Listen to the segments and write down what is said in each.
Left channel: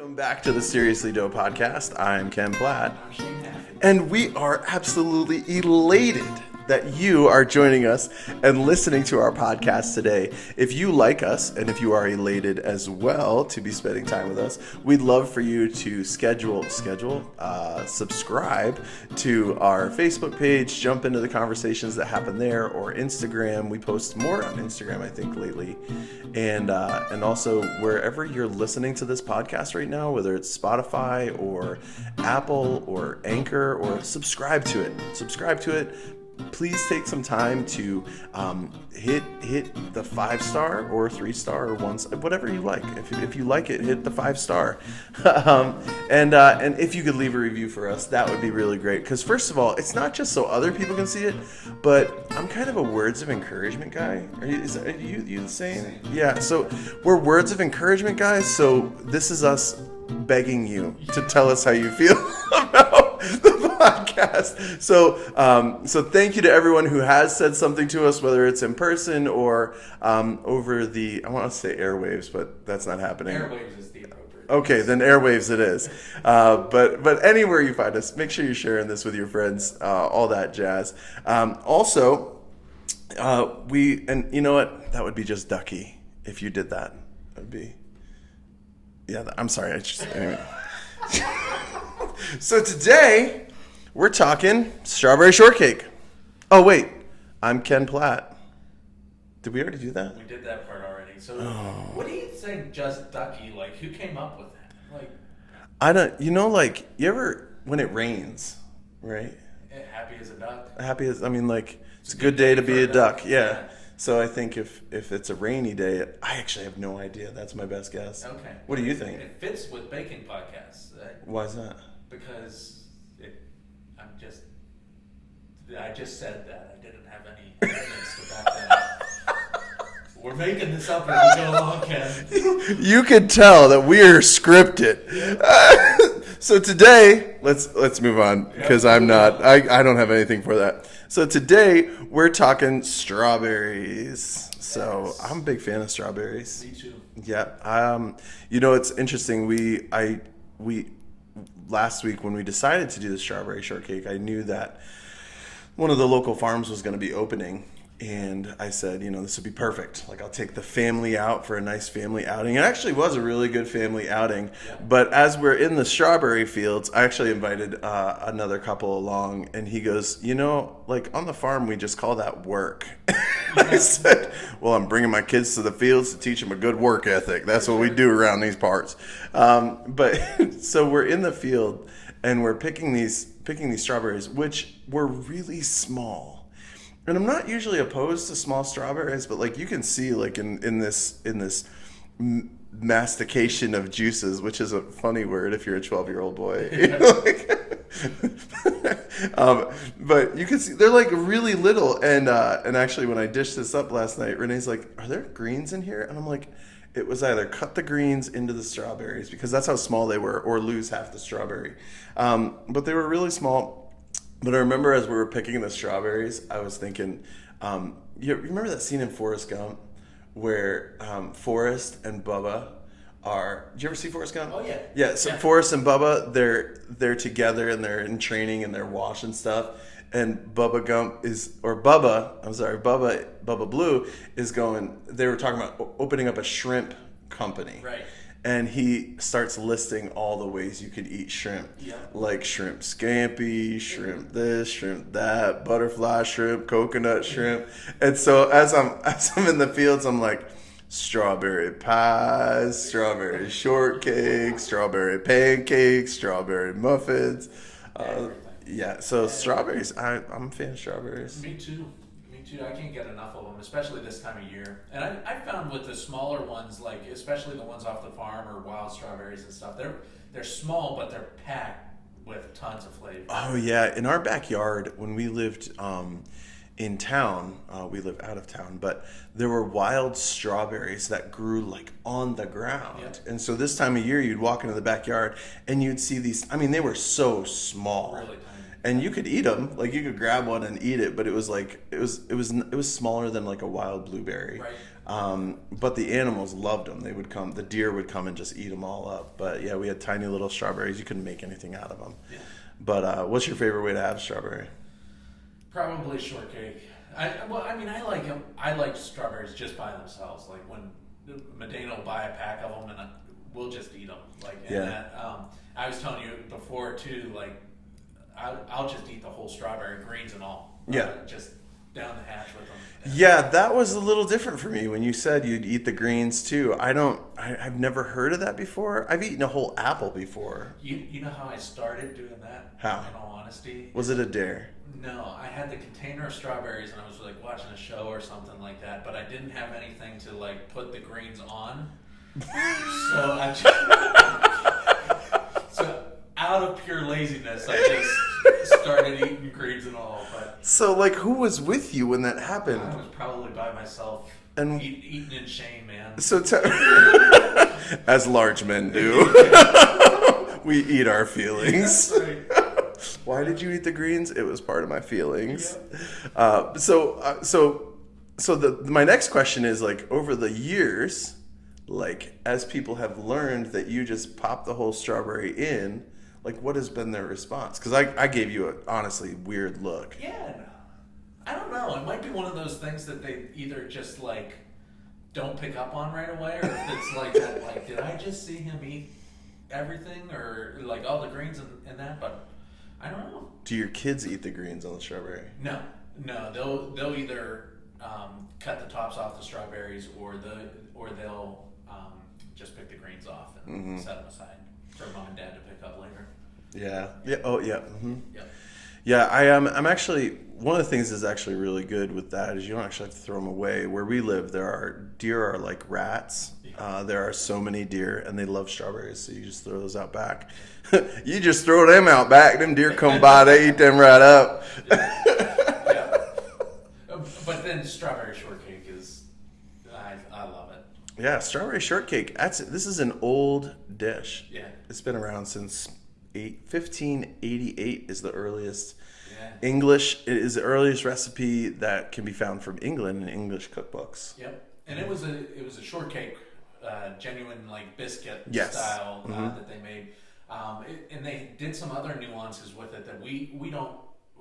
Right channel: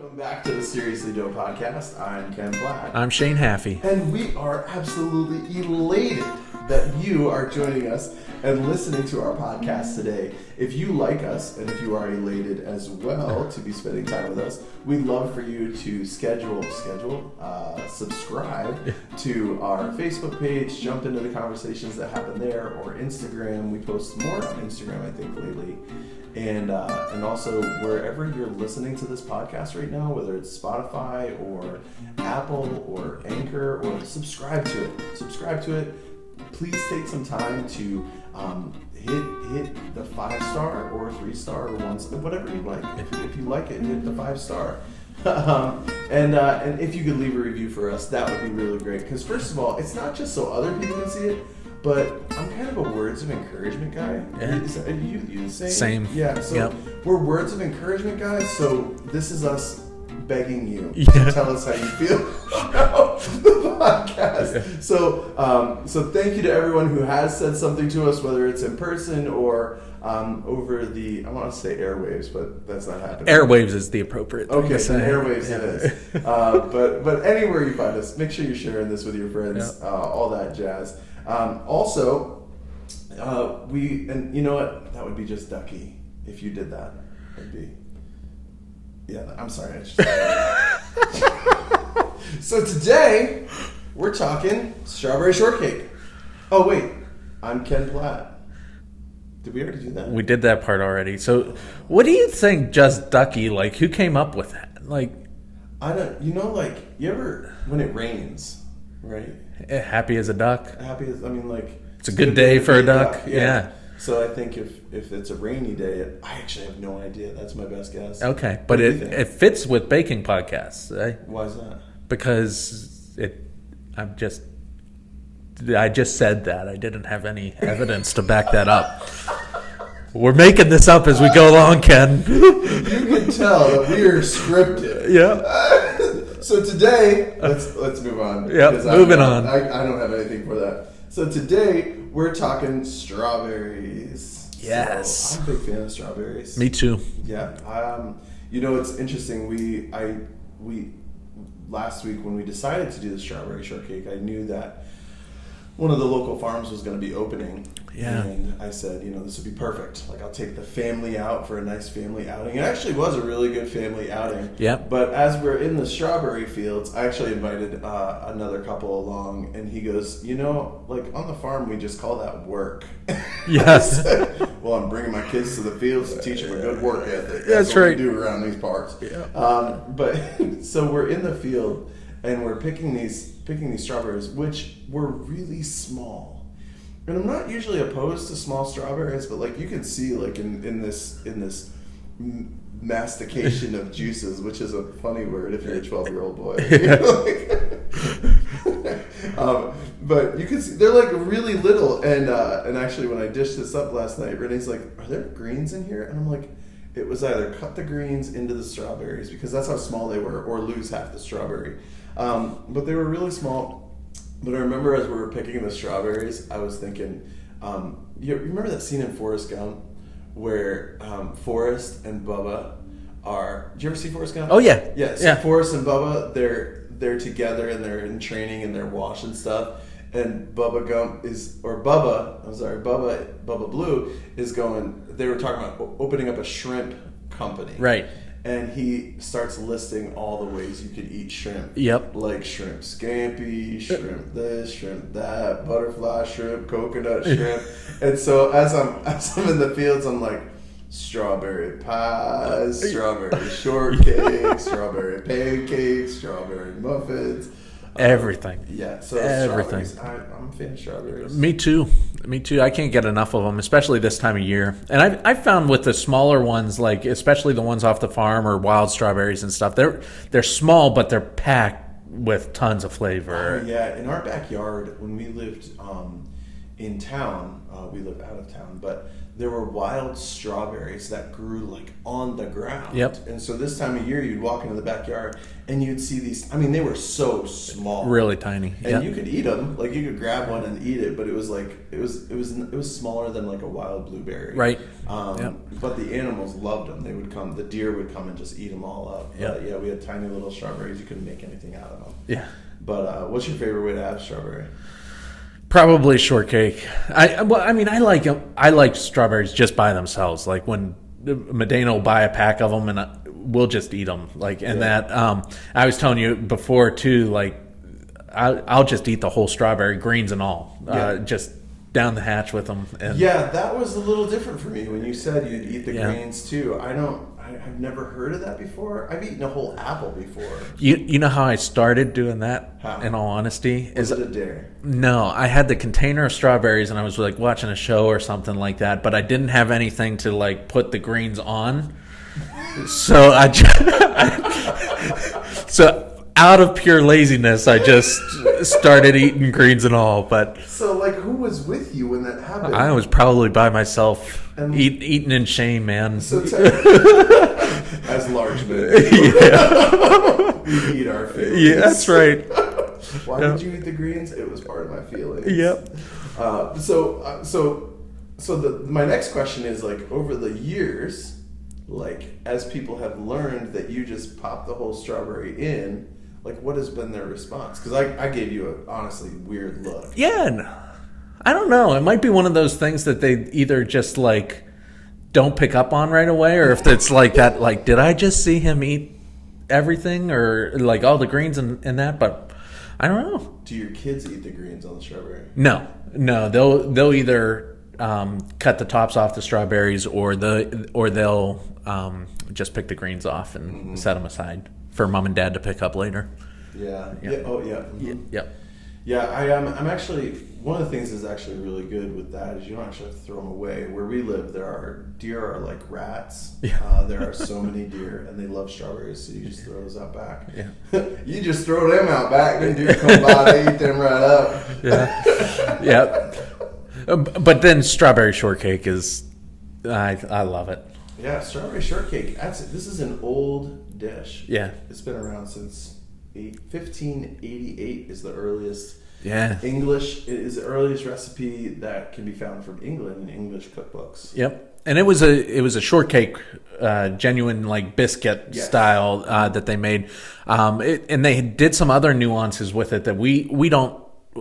Welcome back to the Seriously Doe podcast. I'm Ken Platt. I'm Shane Haffey. And we are absolutely elated that you are joining us and listening to our podcast today. If you like us, and if you are elated as well to be spending time with us, we'd love for you to subscribe to our Facebook page, jump into the conversations that happen there, or Instagram. We post more on Instagram, I think, lately. And also wherever you're listening to this podcast right now, whether it's Spotify or Apple or Anchor, or subscribe to it. Please take some time to hit the 5-star or 3-star or 1-star, whatever you like. If you like it, hit the 5-star. And if you could leave a review for us, that would be really great. Because first of all, it's not just so other people can see it, but I'm kind of a words of encouragament guy. Are you the same? Same. Yeah. So We're words of encouragement guys. So this is us begging you to tell us how you feel about the podcast. So thank you to everyone who has said something to us, whether it's in person or over the, I want to say airwaves, but that's not happening. Airwaves is the appropriate. Okay, then airwaves it is. But anywhere you find us, make sure you're sharing this with your friends, all that jazz. Also, and you know what? That would be just ducky if you did that. That'd be. Yeah, I'm sorry. I just. So today, we're talking strawberry shortcake. Oh wait, I'm Ken Platt. Did we already do that? We did that part already. So, what do you think, just ducky? Like, who came up with that? Like, I don't. You know, like you ever when it rains, right? Happy as a duck. It's a good day for a duck. Yeah. So I think if it's a rainy day, I actually have no idea. That's my best guess. Okay, but it fits with baking podcasts, right? Why is that? Because I just said that. I didn't have any evidence to back that up. We're making this up as we go along, Ken. You can tell that we're scripted. Yeah. So today, let's move on because I don't have anything for that. So today we're talking strawberries. Yes. So I'm a big fan of strawberries. Me too. Yeah. It's interesting. We last week when we decided to do the strawberry shortcake, I knew that one of the local farms was going to be opening. Yeah. And I said, this would be perfect. Like, I'll take the family out for a nice family outing. It actually was a really good family outing. Yeah. But as we're in the strawberry fields, I actually invited another couple along, and he goes, like on the farm, we just call that work. Yes. I said, well, I'm bringing my kids to the fields to teach them a good work ethic. That's what right. we do around these parts. Yeah. But so we're in the field, and we're picking these strawberries, which were really small. And I'm not usually opposed to small strawberries, but like you can see, like in this mastication of juices, which is a funny word if you're a 12-year-old boy. But you can see they're like really little. And actually, when I dished this up last night, Renee's like, "Are there greens in here?" And I'm like, "It was either cut the greens into the strawberries because that's how small they were, or lose half the strawberry." But they were really small. But I remember as we were picking the strawberries, I was thinking, you remember that scene in Forrest Gump where Forrest and Bubba are? Did you ever see Forrest Gump? Oh yeah. Yeah. So Forrest and Bubba, they're together and they're in training and they're washing stuff. And Bubba Blue is going. They were talking about opening up a shrimp company. Right. And he starts listing all the ways you could eat shrimp. Yep. Like shrimp scampi, shrimp this, shrimp that, butterfly shrimp, coconut shrimp. And so as I'm in the fields, I'm like, strawberry pies, strawberry shortcake, strawberry pancakes, strawberry muffins. Everything. Yeah, so everything. Strawberries. I'm a fan of strawberries. Me too. I can't get enough of them, especially this time of year. And I've found with the smaller ones, like especially the ones off the farm or wild strawberries and stuff, they're small, but they're packed with tons of flavor. Oh, yeah. In our backyard, when we lived in town, we live out of town, but there were wild strawberries that grew like on the ground. Yep. And so this time of year, you'd walk into the backyard and you'd see these. I mean, they were so small, Really tiny. and Yep. you could eat them. Like you could grab one and eat it, but it was like it was smaller than like a wild blueberry. Right. Yep. But the animals loved them. They would come. The deer would come and just eat them all up. But yeah, we had tiny little strawberries. You couldn't make anything out of them. Yeah. But what's your favorite way to have strawberry? Probably shortcake. I like strawberries just by themselves. Like when Medina will buy a pack of them, and we'll just eat them. Like I was telling you before too. Like I'll just eat the whole strawberry, greens and all. Just down the hatch with them. And yeah, that was a little different for me when you said you'd eat the greens too. I've never heard of that before. I've eaten a whole apple before. You know how I started doing that? How? In all honesty, Was it a dare? No, I had the container of strawberries and I was like watching a show or something like that, but I didn't have anything to like put the greens on. So so out of pure laziness, I just started eating greens and all. But So like, who was with you when that happened? I was probably by myself, And- eating in shame, man. So as large men do, we eat our feelings. Yeah, that's right. Why did you eat the greens? It was part of my feelings. Yep. So my next question is, like, over the years, like, as people have learned that you just pop the whole strawberry in, like, what has been their response? Because I gave you a honestly weird look. Yeah, I don't know. It might be one of those things that they either just like don't pick up on right away, or if it's like that, like, did I just see him eat everything, or like all the greens and that? But I don't know. Do your kids eat the greens on the strawberry? No, they'll either cut the tops off the strawberries, or they'll just pick the greens off and set them aside for mom and dad to pick up later. Yeah. Oh, yeah. Mhm. Yep. Yeah, I'm actually, one of the things that's actually really good with that is you don't actually have to throw them away. Where we live, deer are like rats. Yeah. There are so many deer, and they love strawberries, so you just throw those out back. Yeah. You just throw them out back, them deer come by, they eat them right up. Yeah. Yep. But then strawberry shortcake is, I love it. Yeah, strawberry shortcake. This is an old dish. Yeah. It's been around since 1588 is the earliest. Yeah. It is the earliest recipe that can be found from England in English cookbooks. Yep. And it was a shortcake, genuine like biscuit style that they made, and they did some other nuances with it that we don't.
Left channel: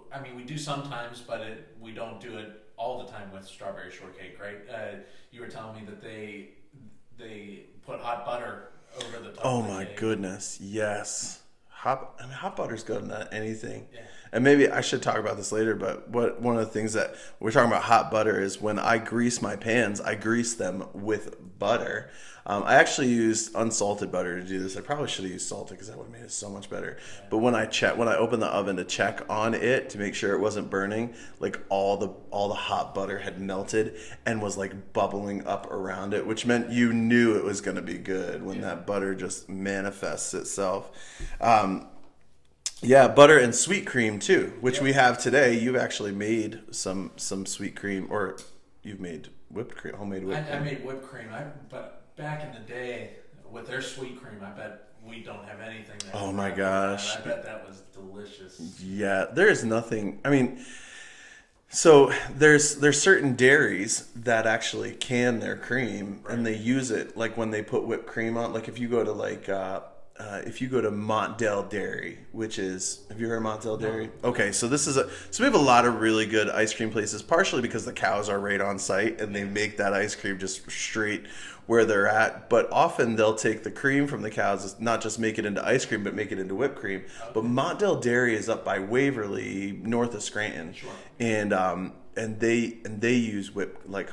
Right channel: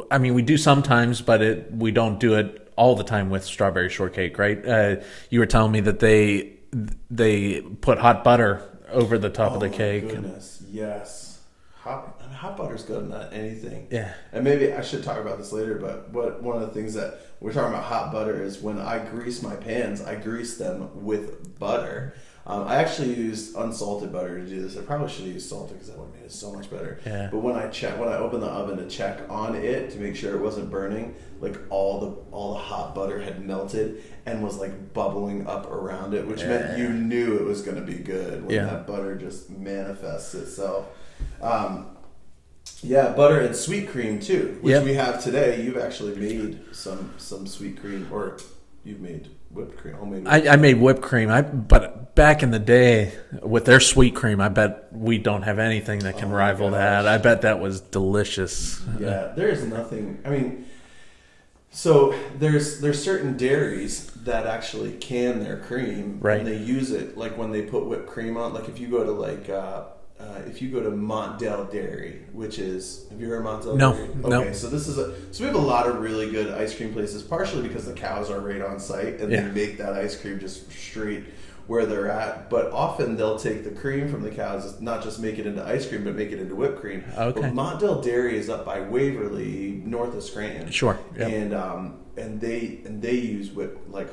I mean, we do sometimes, but we don't do it all the time with strawberry shortcake, right? You were telling me that they put hot butter over the top of the cake. Oh my goodness, yes. Hot butter's good on anything. Yeah. And maybe I should talk about this later, but one of the things that we're talking about hot butter is when I grease my pans, I grease them with butter. I actually used unsalted butter to do this. I probably should have used salted because that would have made it so much better. Yeah. But when I opened the oven to check on it to make sure it wasn't burning, like all the hot butter had melted and was like bubbling up around it, which meant you knew it was going to be good when that butter just manifests itself. Butter and sweet cream too, which we have today. You've actually made some sweet cream, or you've made whipped cream, homemade. I made whipped cream. But back in the day with their sweet cream, I bet we don't have anything that can rival that. I bet that was delicious. Yeah, there's nothing. I mean, so there's certain dairies that actually can their cream, right? And they use it like when they put whipped cream on. Like if you go to Montdale Dairy, which is, have you heard of Montdale Dairy? Okay, no. so we have a lot of really good ice cream places, partially because the cows are right on site and they make that ice cream just straight where they're at. But often they'll take the cream from the cows, not just make it into ice cream, but make it into whipped cream. Okay. But Montdale Dairy is up by Waverly, north of Scranton. Sure. Yeah. And they use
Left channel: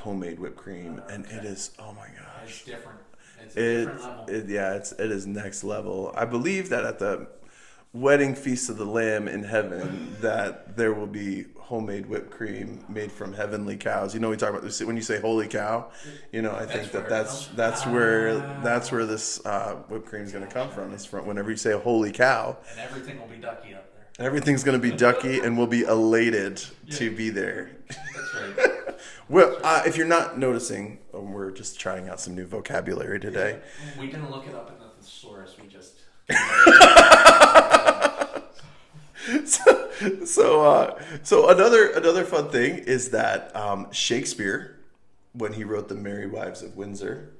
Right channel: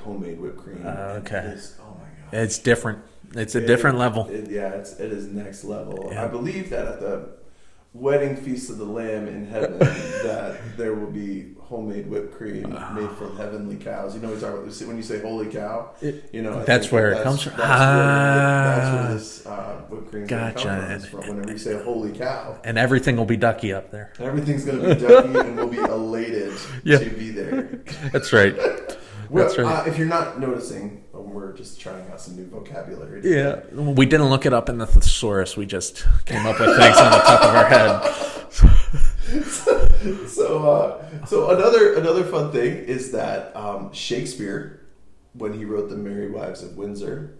homemade whipped cream. And it is, oh my gosh. It's different. It's a different level. It is next level. Yeah. I believe that at the wedding feast of the Lamb in heaven, that there will be homemade whipped cream made from heavenly cows. You know, we talk about this when you say holy cow. You know, that's where it comes from. That's where this whipped cream's going to come from. It's from whenever you say "holy cow," and everything will be ducky up there. Everything's going to be ducky, and we'll be elated to be there. That's right. Well, if you're not noticing, we're just trying out some new vocabulary today. Yeah, we didn't look it up in the thesaurus. We just came up with things on the top of our head. So another fun thing is that Shakespeare, when he wrote The Merry Wives of Windsor,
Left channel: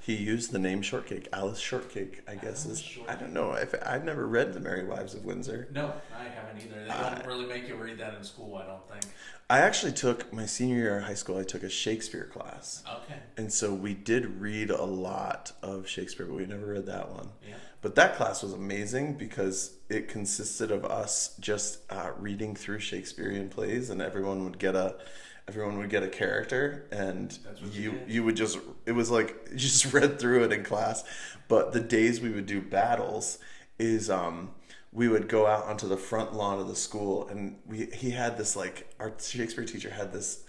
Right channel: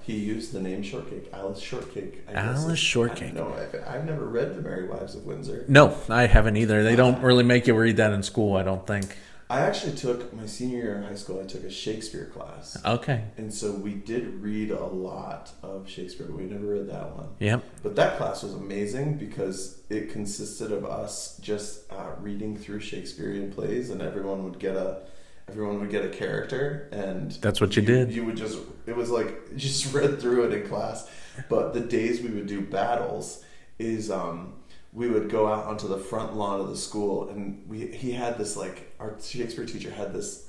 he used the name Shortcake, Alice Shortcake. Alice Shortcake. No, I've never read The Merry Wives of Windsor. No, I haven't either. They don't really make you read that in school, I don't think. I actually took my senior year in high school. I took a Shakespeare class. Okay. And so we did read a lot of Shakespeare, but we never read that one. Yep. But that class was amazing because it consisted of us just reading through Shakespearean plays, and everyone would get a character, and that's what you did. You would just, it was like you just read through it in class. But the days we would do battles is we would go out onto the front lawn of the school, and he had this, like, our Shakespeare teacher had this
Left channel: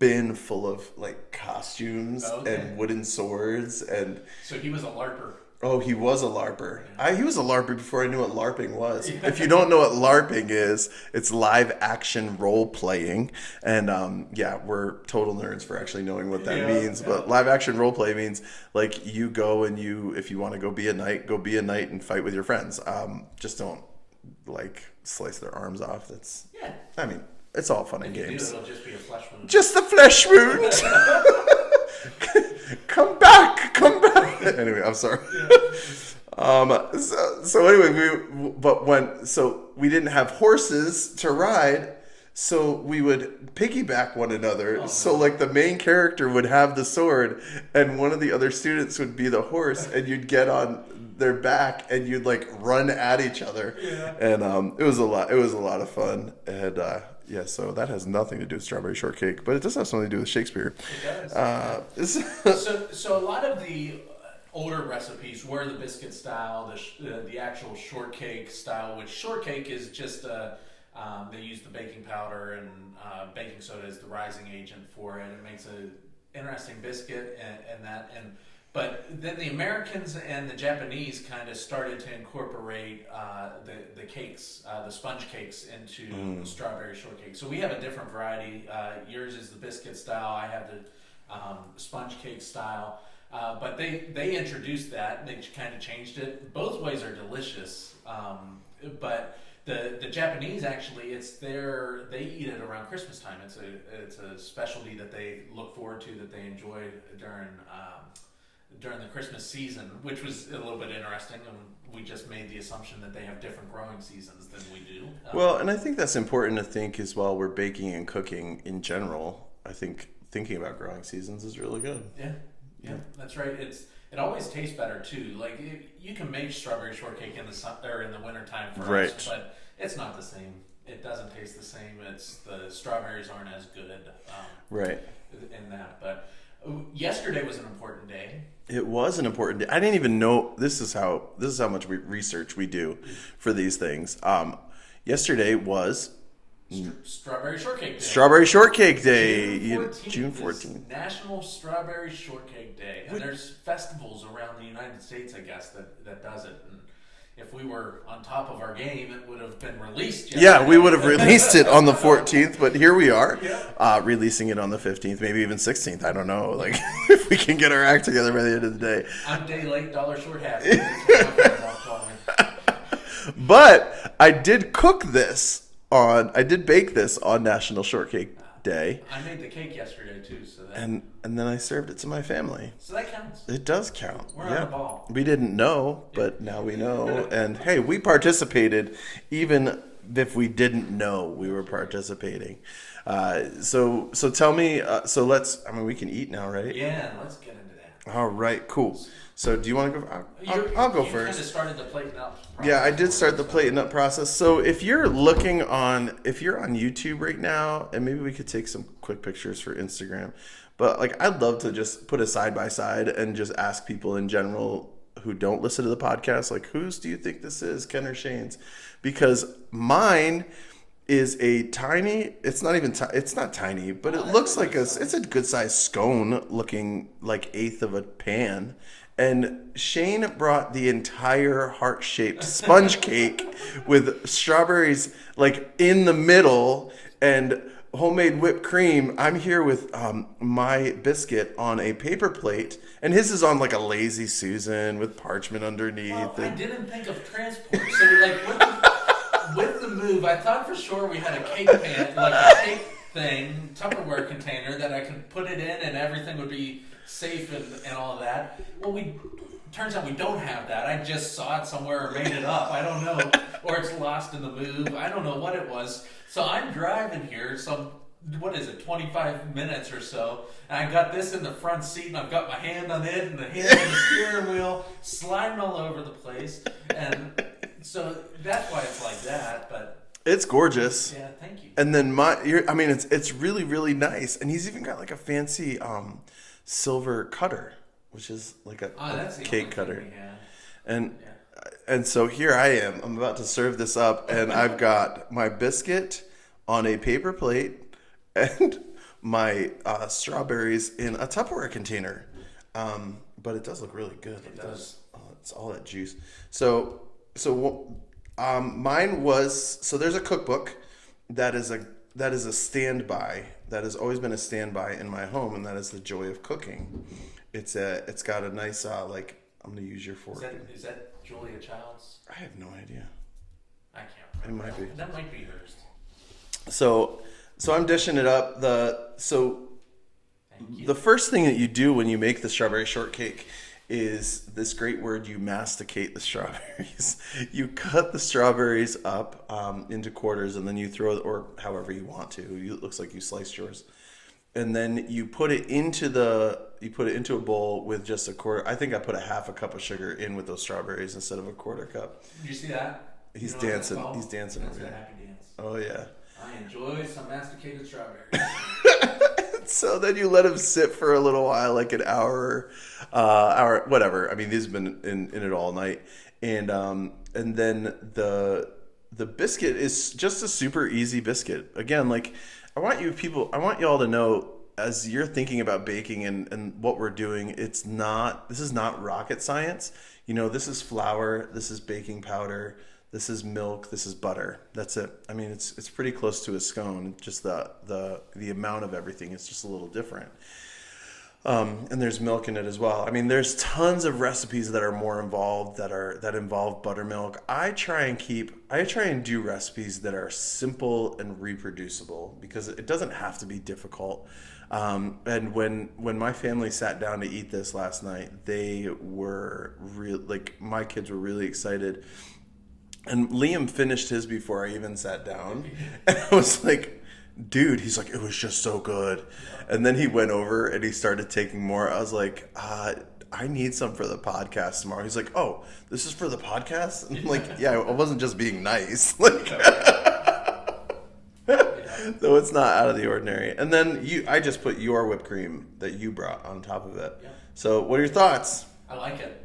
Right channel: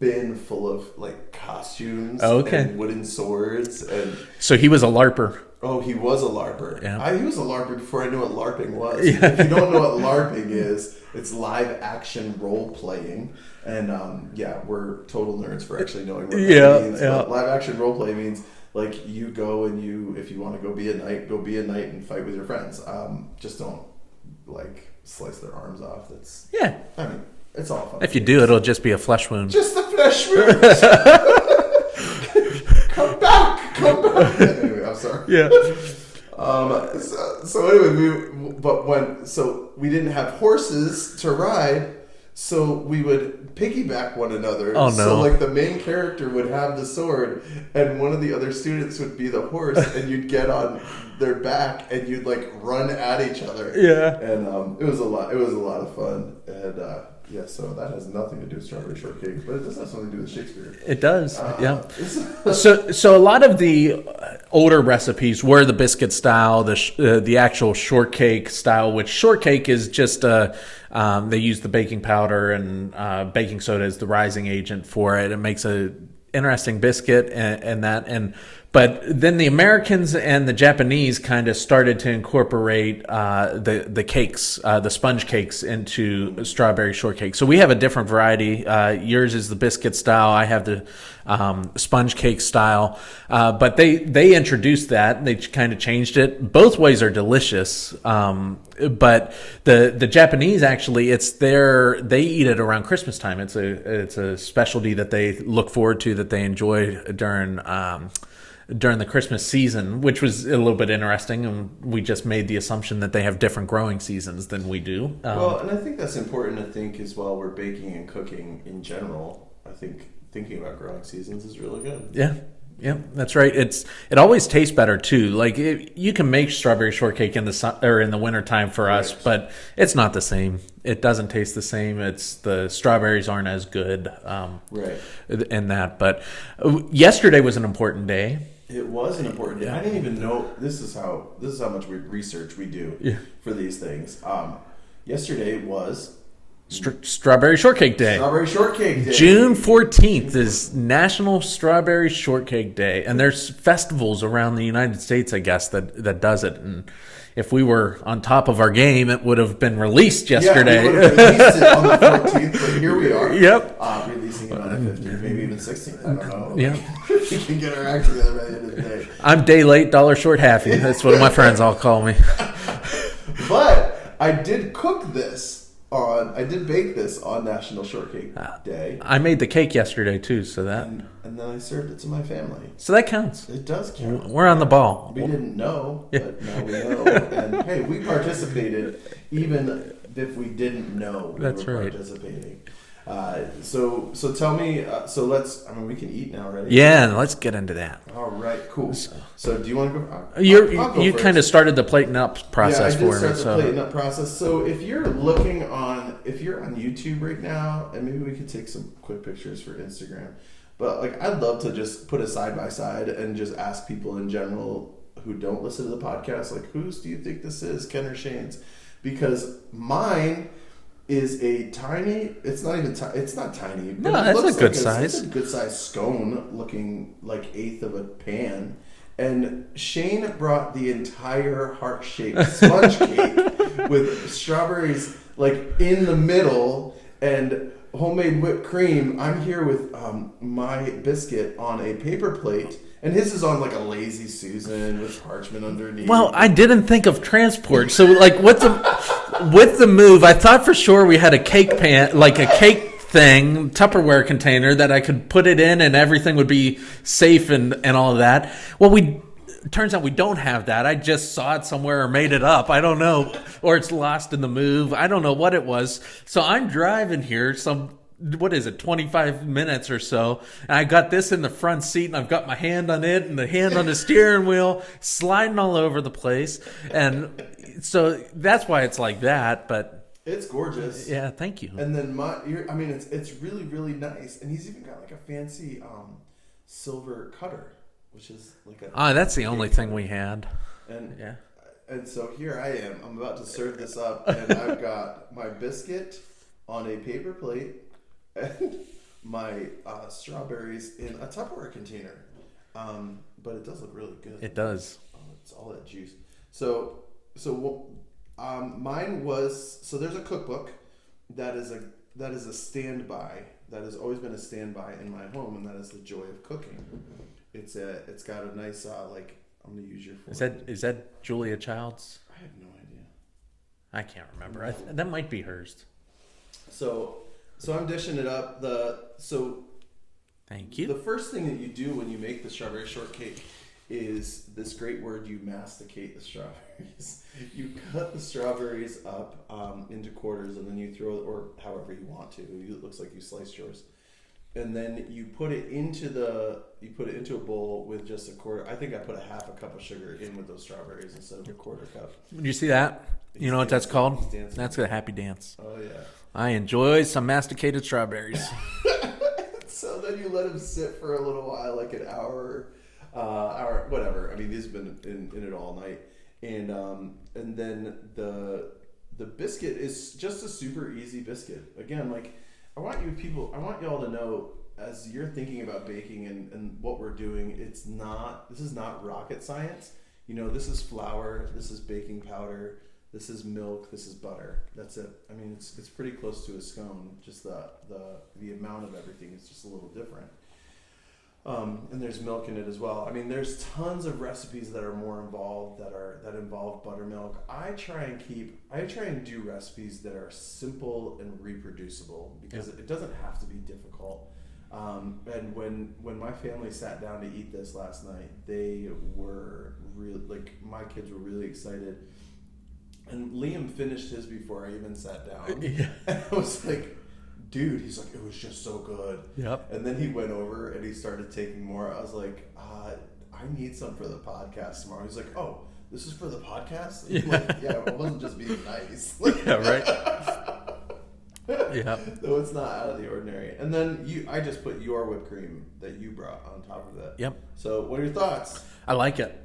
bin full of, like, costumes and wooden swords. And so he was a LARPer. Oh, he was a LARPer. Yeah. He was a LARPer before I knew what LARPing was. Yeah. If you don't know what LARPing is, it's live action role playing. And we're total nerds for actually knowing what that means. Yeah. But live action role play means, like, you go and if you want to go be a knight and fight with your friends. Just don't, like, slice their arms off. I mean, it's all fun. If you do, it'll just be a flesh wound. Just a flesh wound. Come back. Anyway, I'm sorry. Yeah. So anyway, we didn't have horses to ride, so we would piggyback one another. Oh no! So, like, the main character would have the sword, and one of the other students would be the horse, and you'd get on their back, and you'd, like, run at each other. Yeah. And it was a lot of fun, and so that has nothing to do with Strawberry Shortcake, but it does have something to do with Shakespeare. It does, yeah. So a lot of the older recipes were the biscuit style, the actual shortcake style, which shortcake is just they use the baking powder and baking soda as the rising agent for it. It makes a interesting biscuit but then the Americans and the Japanese kind of started to incorporate the cakes, the sponge cakes, into strawberry shortcake. So we have a different variety. Yours is the biscuit style. I have the sponge cake style. But they introduced that. They kind of changed it. Both ways are delicious. But the Japanese, actually, they eat it around Christmas time. It's a specialty that they look forward to, that they enjoy during the Christmas season, which was a little bit interesting, and we just made the assumption that they have different growing seasons than we do. And I think that's important to think as well. We're baking and cooking in general. I think thinking about growing seasons is really good. Yeah, that's right. It always tastes better too. Like, you can make strawberry shortcake in the wintertime for us, but it's not the same. It doesn't taste the same. The strawberries aren't as good. In that. But yesterday was an important day. It was an important day. I didn't even know this is how much research we do for these things. Yesterday was Strawberry Shortcake Day. Strawberry Shortcake Day. June 14th is National Strawberry Shortcake Day. And there's festivals around the United States, I guess, that does it. And if we were on top of our game, it would have been released yesterday. Yeah, we would have released it on the 14th, but here we are. Yep. Releasing it on the 15th, maybe even 16th. I don't know. If we can get our act together by the end of the day. I'm day late, dollar short, halfy. That's what my friends all call me. But I did bake this on National Shortcake Day. I made the cake yesterday too, so that and then I served it to my family. So that counts. It does count. We're on the ball. We didn't know, but now we know. And hey, we participated even if we didn't know we were participating. So tell me. We can eat now, right? Yeah, let's get into that. All right, cool. So do you want to go? You kind of started the plating up process. Yeah, I did start the plating up process. So if you're on YouTube right now, and maybe we could take some quick pictures for Instagram. But, like, I'd love to just put it side by side and just ask people in general who don't listen to the podcast, like, whose do you think this is, Ken or Shane's? Because mine is a tiny, it's not tiny, but it looks like it's a good size scone looking like eighth of a pan. And Shane brought the entire heart-shaped sponge cake with strawberries like in the middle and homemade whipped cream. I'm here with my biscuit on a paper plate, and his is on like a Lazy Susan with parchment underneath. Well, I didn't think of transport. So like with the move, I thought for sure we had a cake pan, like a cake thing, Tupperware container that I could put it in and everything would be safe and all of that. Well, turns out we don't have that. I just saw it somewhere or made it up. I don't know. Or it's lost in the move. I don't know what it was. So I'm driving here 25 minutes or so, and I got this in the front seat, and I've got my hand on it and the hand on the steering wheel, sliding all over the place. And so that's why it's like that, but it's gorgeous. Yeah, thank you. And then it's really, really nice. And he's even got like a fancy silver cutter, which is like a that's the only thing cutter. we had. And so here I am. I'm about to serve this up, and I've got my biscuit on a paper plate and my strawberries in a Tupperware container. But it does look really good. It does. Oh, it's all that juice. So mine was, so there's a cookbook that is a standby, that has always been a standby in my home, and that is The Joy of Cooking. It's got a nice I'm gonna use your fork. Is that Julia Child's? I have no idea. I can't remember. That might be hers. So I'm dishing it up. Thank you. The first thing that you do when you make the strawberry shortcake is this great word: you masticate the strawberries. You cut the strawberries up into quarters, and then you throw it, or however you want to. It looks like you sliced yours, and then you put it into a bowl with just a quarter. I think I put a half a cup of sugar in with those strawberries instead of a quarter cup. You see that? You know what that's called? He's dancing. That's a happy dance. Oh yeah. I enjoy some masticated strawberries. So then you let them sit for a little while, like an hour, whatever. I mean, these have been in it all night, and then the biscuit is just a super easy biscuit. Again, like I want you all to know, as you're thinking about baking and what we're doing, this is not rocket science. This is flour, this is baking powder, this is milk, this is butter. That's it. I mean, it's pretty close to a scone. Just the amount of everything is just a little different. And there's milk in it as well. I mean, there's tons of recipes that are more involved that involve buttermilk. I try and do recipes that are simple and reproducible because it doesn't have to be difficult. And when my family sat down to eat this last night, they were my kids were really excited. And Liam finished his before I even sat down. Yeah. And I was like, dude, he's like, it was just so good. Yep. And then he went over and he started taking more. I was like, I need some for the podcast tomorrow. He's like, oh, this is for the podcast? I'm like, yeah, I wasn't just being nice. Yeah, right? Yeah. So it's not out of the ordinary. And then I just put your whipped cream that you brought on top of it. Yep. So what are your thoughts? I like it.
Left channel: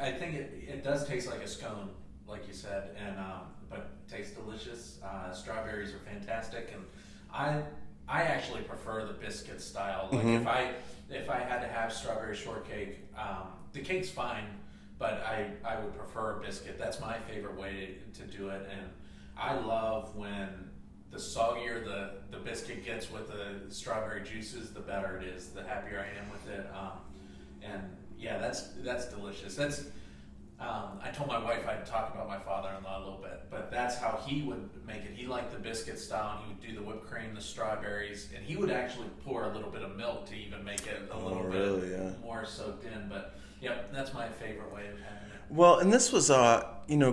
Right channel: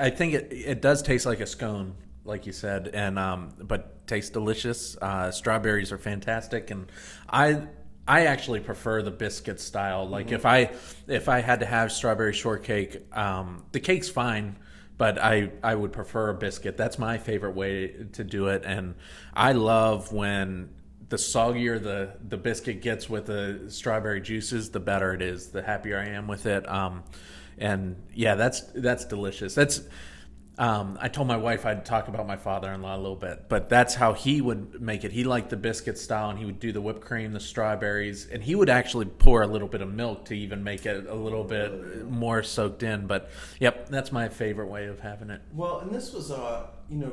I think it does taste like a scone, like you said, and but tastes delicious. Strawberries are fantastic, and I actually prefer the biscuit style. Like if I had to have strawberry shortcake, the cake's fine, but I would prefer a biscuit. That's my favorite way to do it, and I love when the soggier the biscuit gets with the strawberry juices, the better it is. The happier I am with it. And yeah, that's delicious. I told my wife I'd talk about my father-in-law a little bit, but that's how he would make it. He liked the biscuit style, and he would do the whipped cream, the strawberries, and he would actually pour a little bit of milk to even make it a little bit more soaked in. But yep, that's my favorite way of having it. Well, and this was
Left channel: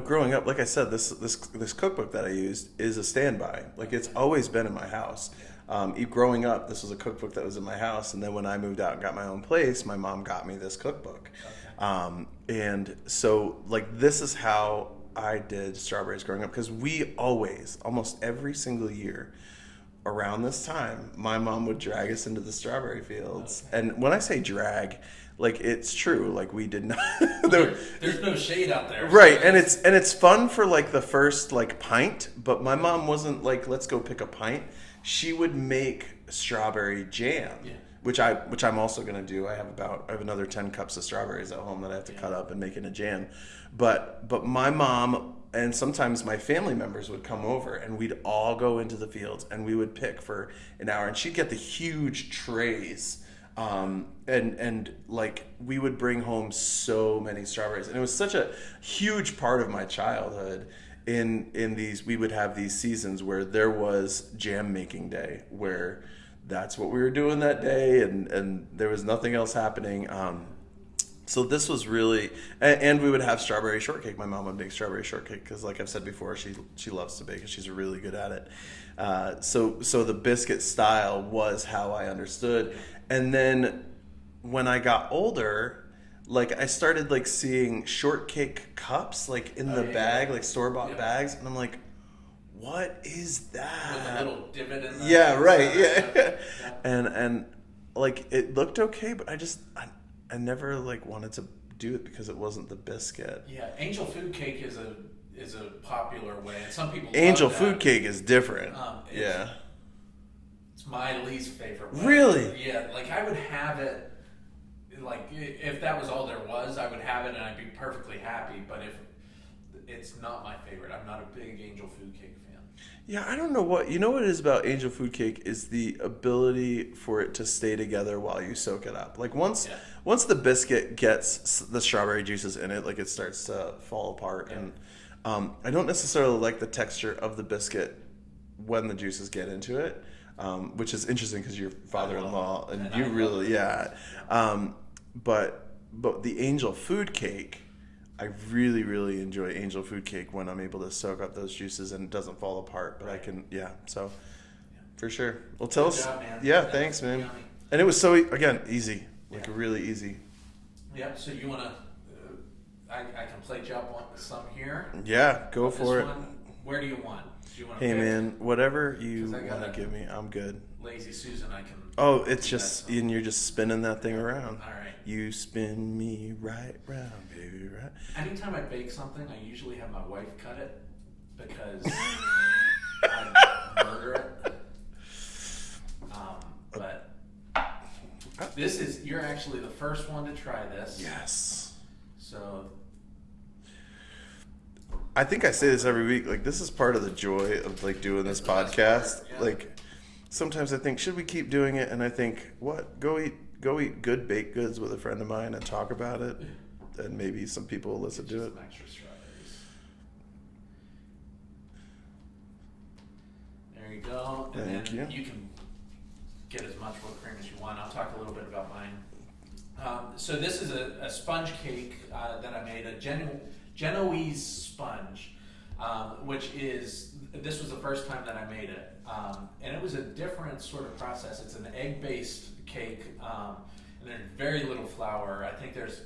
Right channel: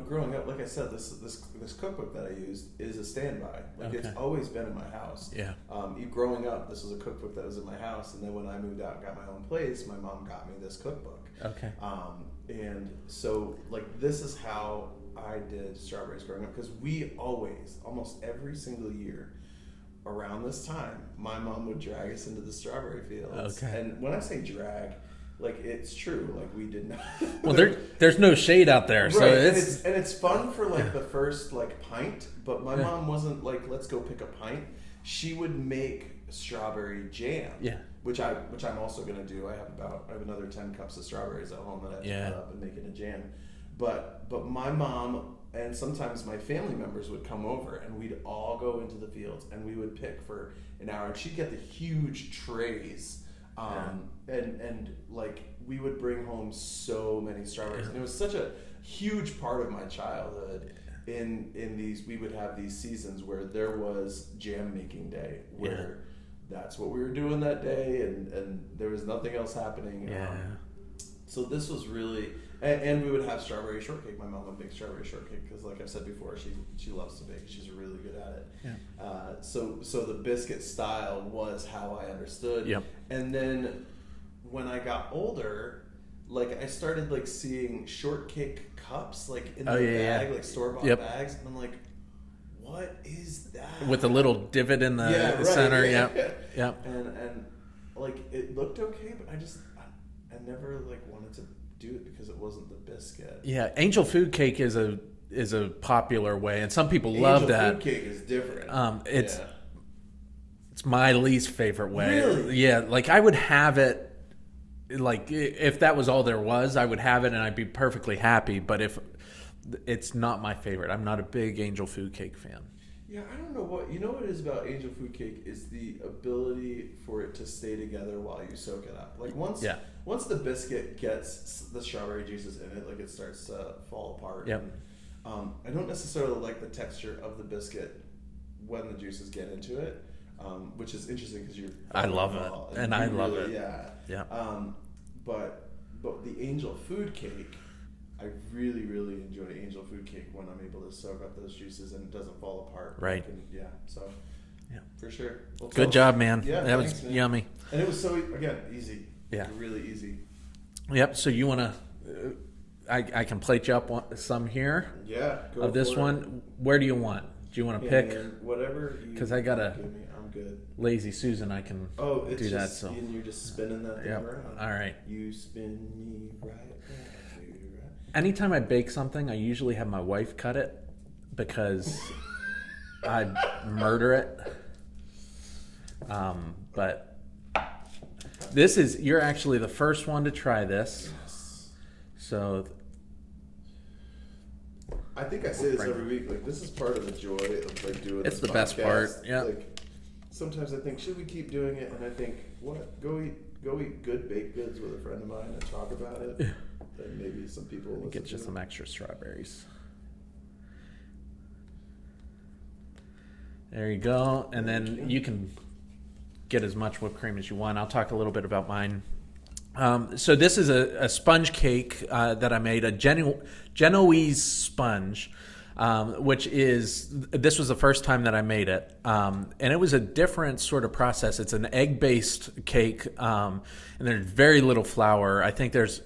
growing up, like I said, this cookbook that I used is a standby. Like it's always been in my house. Yeah. Growing up, this was a cookbook that was in my house, and then when I moved out and got my own place, my mom got me this cookbook. Okay. And so like this is how I did strawberries growing up, because we almost every single year around this time, my mom would drag us into the strawberry fields. Okay. And when I say drag, like it's true, like we did not. Well, there's no shade out there, right? So it's fun for like the first like pint, but my mom wasn't like, let's go pick a pint. She would make strawberry jam. Yeah. which I'm also gonna do. I have another 10 cups of strawberries at home that I have to cut up and make into jam. But my mom and sometimes my family members would come over, and we'd all go into the fields and we would pick for an hour, and she'd get the huge trays. And like we would bring home so many strawberries, and it was such a huge part of my childhood. In these, we would have these seasons where there was jam making day, where that's what we were doing that day, and there was nothing else happening. So this was really, and we would have strawberry shortcake. My mom would make strawberry shortcake because, like I've said before, she loves to bake and she's really good at it. So the biscuit style was how I understood. Yep. And then when I got older, like I started like seeing shortcake cups like in the bag, like store-bought bags, and I'm like, what is that? With a little divot in the center. Yeah. And like it looked okay, but I never like wanted to do it because it wasn't the biscuit. Yeah, angel food cake is a popular way, and some people love angel that. Food cake is different. It's my least favorite way. Really? Yeah, like I would have it. Like if that was all there was, I would have it and I'd be perfectly happy. But if it's not my favorite, I'm not a big angel food cake fan. Yeah, I don't know what it is about angel food cake is the ability for it to stay together while you soak it up. Like once the biscuit gets the strawberry juices in it, like it starts to fall apart. Yep. And I don't necessarily like the texture of the biscuit when the juices get into it, which is interesting because you're I love it, and I love it. Yeah. But the angel food cake, I really, really enjoy angel food cake when I'm able to soak up those juices and it doesn't fall apart. Right. So for sure. Well, good job, man. Yeah, thanks, man. Yummy. And it was so, again, easy. Like Yeah. really easy. Yep. So you want to? I can plate you up some here. Yeah, go of for this it. one. Where do you want? Do you want to Hey pick? man, whatever you 'Cause I gotta- give me, I'm good. Lazy Susan, I can. Oh, it's do just, that, so. and you're just spinning that thing around. All right. You spin me right round, baby, right. Anytime I bake something, I usually have my wife cut it because I murder it. But you're actually the first one to try this. Yes. So I think I say this every week. Like, this is part of the joy of like doing It's this the best podcast. part, yeah. Like, sometimes I think, should we keep doing it? And I think, what? Go eat good baked goods with a friend of mine and talk about it. Then maybe some people will listen get to you it. some extra strawberries. There you go, and Thank then you. you can get as much whipped cream as you want. I'll talk a little bit about mine. So this is a sponge cake that I made, a Genoese sponge, this was the first time that I made it. And it was a different sort of process. It's an egg-based cake, and there's very little flour. I think there's,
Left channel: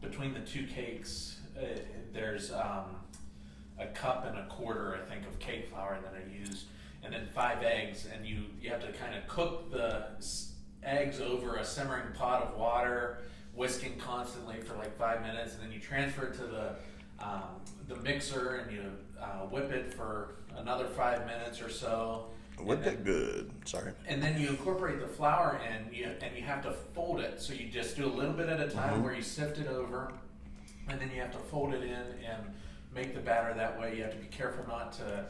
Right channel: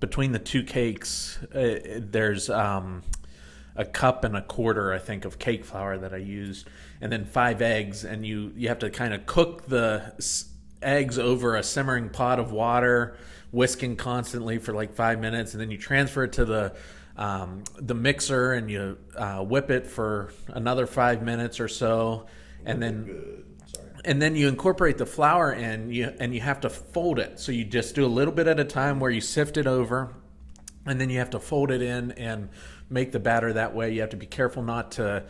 between the two cakes, there's a cup and a quarter, I think, of cake flour that I used, and then 5 eggs, and you have to kind of cook the eggs over a simmering pot of water, whisking constantly for like 5 minutes, and then you transfer it to the mixer and you whip it for another 5 minutes or so, and then and then you incorporate the flour in, and you have to fold it. So you just do a little bit at a time where you sift it over, and then you have to fold it in and make the batter that way. You have to be careful not to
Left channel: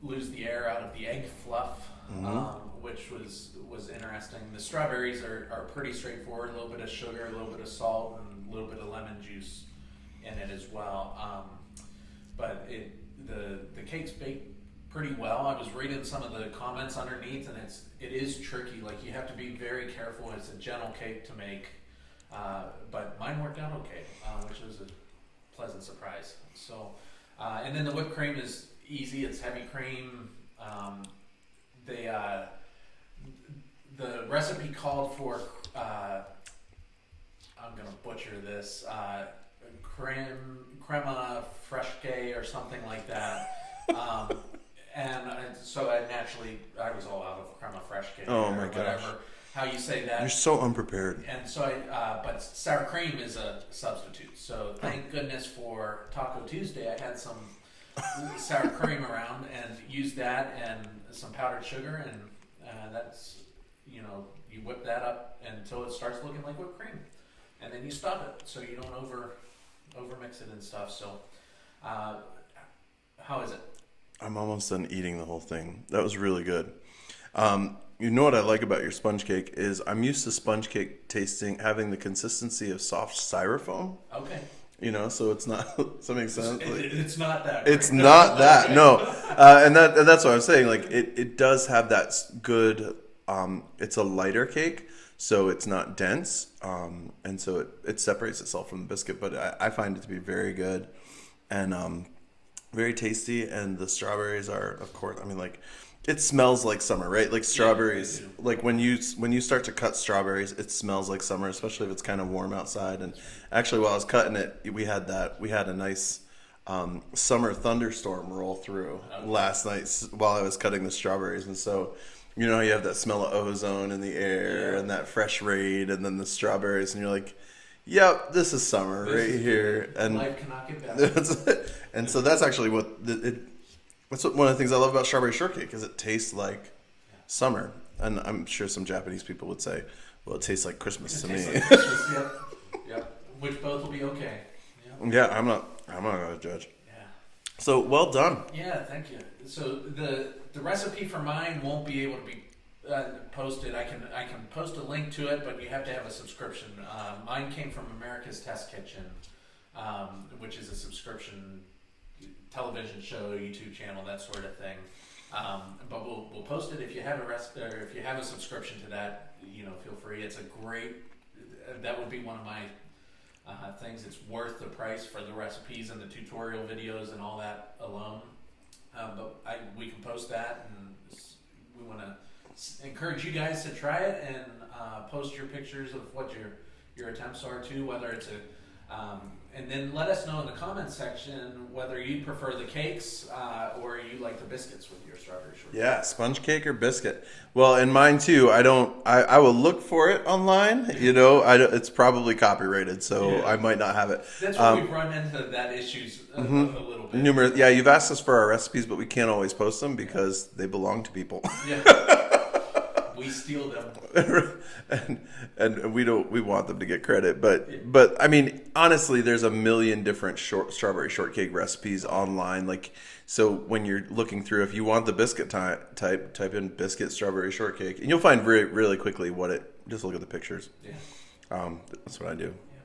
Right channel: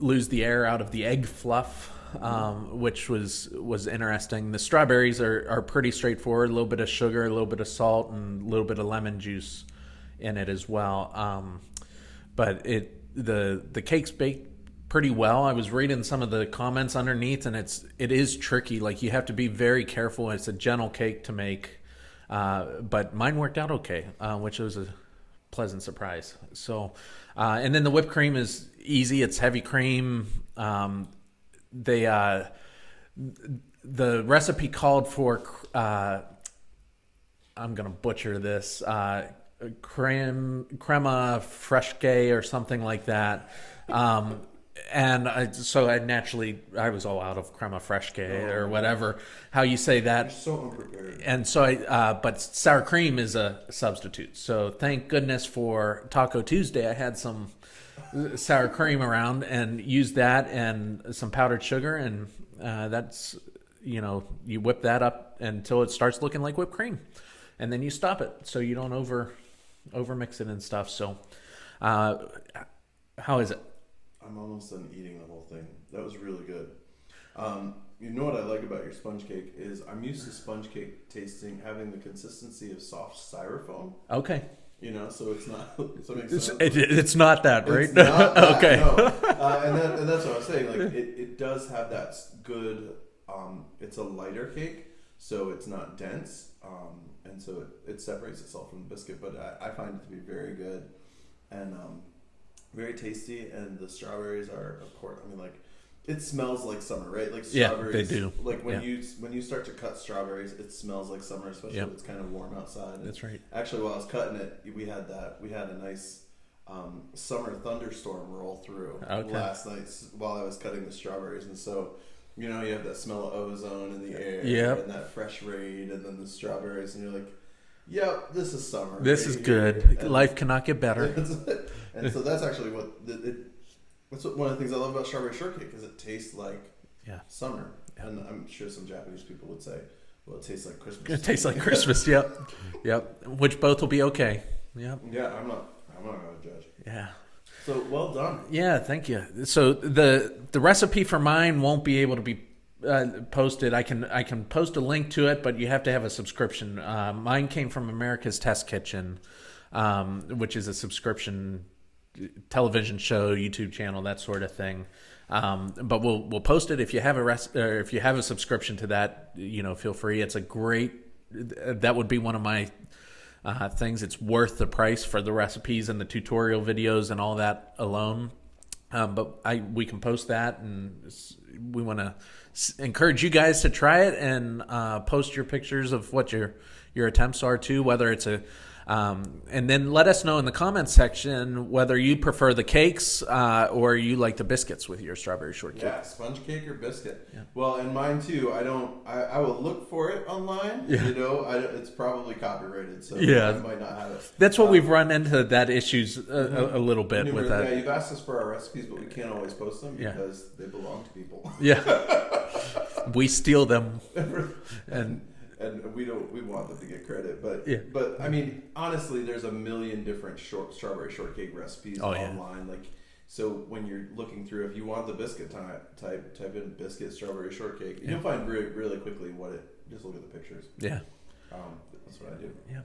lose the air out of the egg fluff. Which was interesting. The strawberries are pretty straightforward. A little bit of sugar, a little bit of salt, and a little bit of lemon juice in it as well. But the cake's baked pretty well. I was reading some of the comments underneath, and it is tricky. Like, you have to be very careful. It's a gentle cake to make, but mine worked out okay, which was a pleasant surprise. So, and then the whipped cream is easy. It's heavy cream. The recipe called for I'm gonna butcher this, crema fraiche or something like that, and I was all out of crema fraiche or whatever how you say that. You're so unprepared. And so but sour cream is a substitute. So thank goodness for Taco Tuesday, I had some sour cream around and used that and some powdered sugar, and that's you whip that up until it starts looking like whipped cream, and then you stop it so you don't over mix it and stuff. So, how is it? I'm almost done eating the whole thing. That was really good. You know what I like about your sponge cake is I'm used to sponge cake having the consistency of soft styrofoam. Okay. So it's not. Does that make sense? It's not that. Right? It's not that. Okay. No. And that's what I was saying. Like it does have that good. It's a lighter cake, so it's not dense, and so it separates itself from the biscuit. But I find it to be very good, and very tasty. And the strawberries are, of course. I mean, like. It smells like summer, right? Like strawberries. Yeah, they do. Like when you start to cut strawberries, it smells like summer, especially if it's kind of warm outside. And that's right. Actually, while I was cutting it, we had a nice summer thunderstorm roll through last night while I was cutting the strawberries, and so how you have that smell of ozone in the air and that fresh rain, and then the strawberries, and you're like, "Yep, this is summer. This right is here." good. And life cannot get better. And so that's actually that's one of the things I love about strawberry shortcake is it tastes like summer. And I'm sure some Japanese people would say, well, it tastes like Christmas. It tastes like Christmas, yep. Which both will be okay. Yep. Yeah, I'm not going to judge. Yeah. So, well done. Yeah, thank you. So the recipe for mine won't be able to be posted. I can post a link to it, but you have to have a subscription. Mine came from America's Test Kitchen, which is a subscription television show, YouTube channel, that sort of thing. But we'll post it if you have if you have a subscription to that. Feel free. It's a great. That would be one of my things. It's worth the price for the recipes and the tutorial videos and all that alone. But we can post that, and we want to encourage you guys to try it and post your pictures of what your attempts are too, whether it's and then let us know in the comments section whether you prefer the cakes or you like the biscuits with your strawberry shortcake. Yeah, sponge cake or biscuit. Well, in mine too. I will look for it online. It's probably copyrighted, so I might not have it. That's what we've run into that issues a little bit. Numerous. Yeah, you've asked us for our recipes, but we can't always post them because they belong to people. Yeah. We steal them. And we want them to get credit, but I mean, honestly, there's a million different strawberry shortcake recipes online. Yeah. Like, so when you're looking through, if you want the biscuit type in biscuit strawberry shortcake, and you'll find really quickly just look at the pictures. Yeah. That's what I do. Yeah.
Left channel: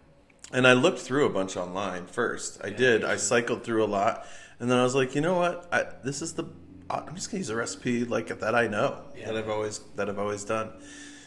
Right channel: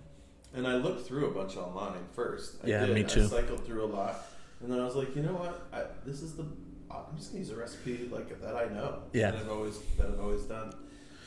And I looked through a bunch online first. I did. I cycled through a lot, and then I was like, you know what? I'm just gonna use a recipe that I know. Yeah. That I've always done.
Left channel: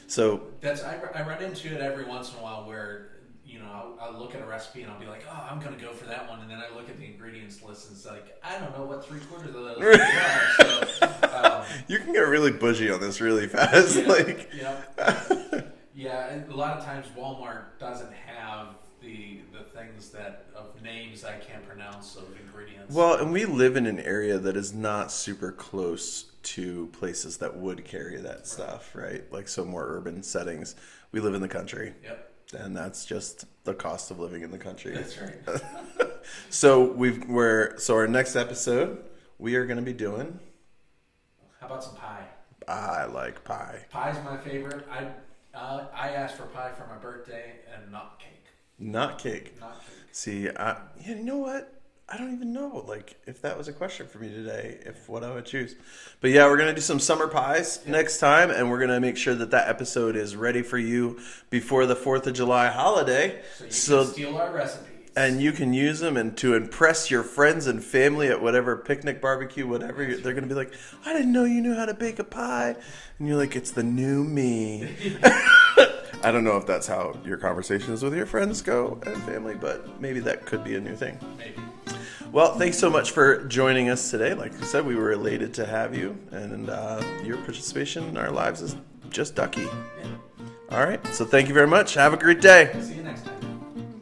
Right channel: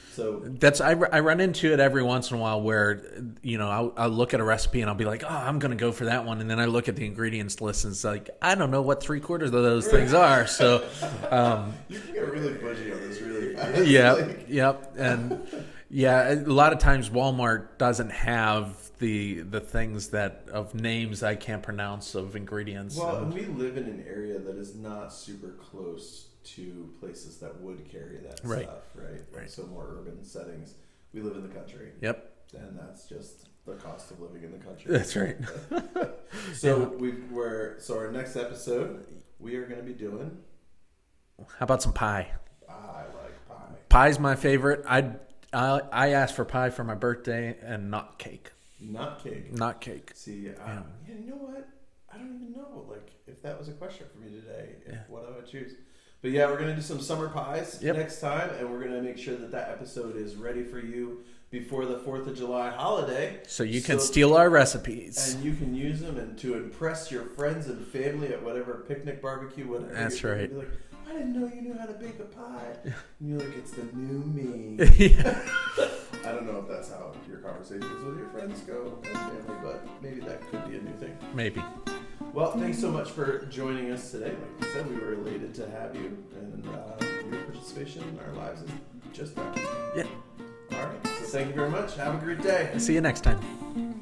So I run into it every once in a while where I'll look at a recipe and I'll be like, oh, I'm gonna go for that one, and then I look at the ingredients list and it's like, I don't know what 3/4 of those things are. So you can get really bougie on this really fast. Yeah. Yep. And a lot of times Walmart doesn't have the things of names I can't pronounce of ingredients. Well, and we live in an area that is not super close to places that would carry that stuff, right? Like, so more urban settings. We live in the country. Yep. And that's just the cost of living in the country. That's right. So our next episode we are going to be doing. How about some pie? I like pie. Pie's my favorite. I asked for pie for my birthday and not cake. Not cake. Not cake. See, you know what? I don't even know, if that was a question for me today, what I would choose. But yeah, we're going to do some summer pies next time, and we're going to make sure that episode is ready for you before the 4th of July holiday. So you can steal our recipes. And you can use them and to impress your friends and family at whatever picnic, barbecue, whatever. They're going to be like, I didn't know you knew how to bake a pie. And you're like, it's the new me. I don't know if that's how your conversations with your friends go and family, but maybe that could be a new thing. Maybe. Well, thanks so much for joining us today. Like you said, we were elated to have you, and your participation in our lives is just ducky. Yeah. All right. So thank you very much. Have a great day. See you next time.